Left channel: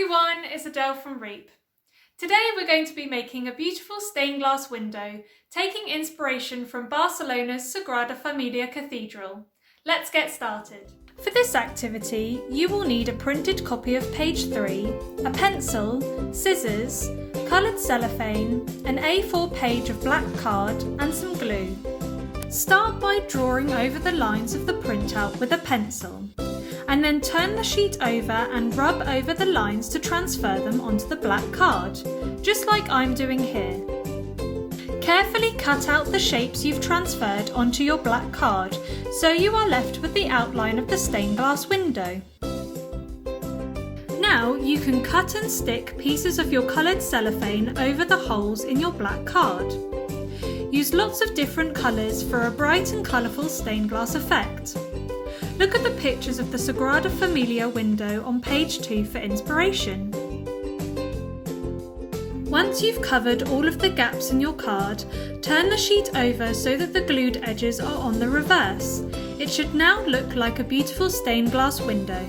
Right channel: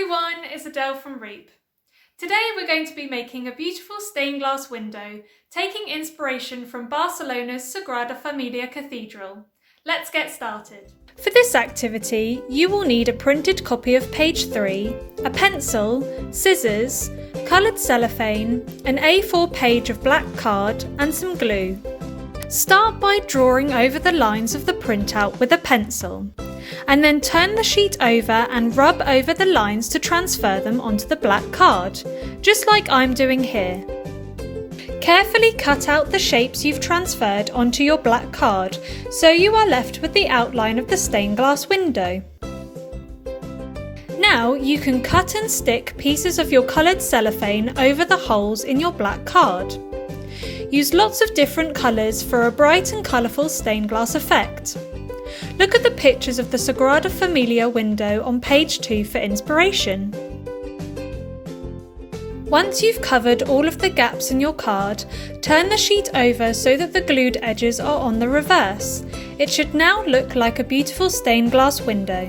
everyone, it's Adele from REEP. Today we're going to be making a beautiful stained glass window, taking inspiration from Barcelona's Sagrada Familia Cathedral. Let's get started. For this activity, you will need a printed copy of page 3, a pencil, scissors, coloured cellophane, an A4 page of black card and some glue. Start by drawing over the lines of the printout with a pencil, and then turn the sheet over and rub over the lines to transfer them onto the black card, just like I'm doing here. Carefully cut out the shapes you've transferred onto your black card, so you are left with the outline of the stained glass window. Now you can cut and stick pieces of your coloured cellophane over the holes in your black card. Use lots of different colours for a bright and colourful stained glass effect. Look at the pictures of the Sagrada Familia window on page 2 for inspiration. Once you've covered all of the gaps in your card, turn the sheet over so that the glued edges are on the reverse. It should now look like a beautiful stained glass window.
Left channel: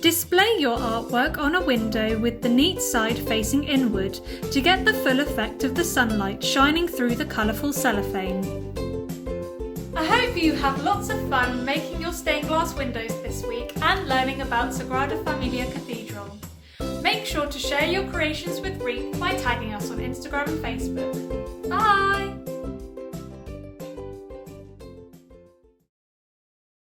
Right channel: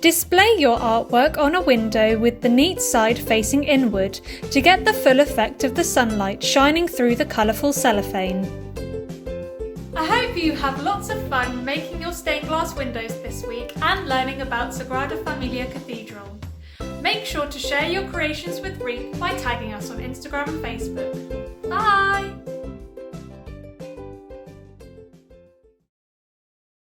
Display your artwork on a window with the neat side facing inward to get the full effect of the sunlight shining through the colourful cellophane. I hope you have lots of fun making your stained glass windows this week and learning about Sagrada Familia Cathedral. Make sure to share your creations with REEP by tagging us on Instagram and Facebook. Bye!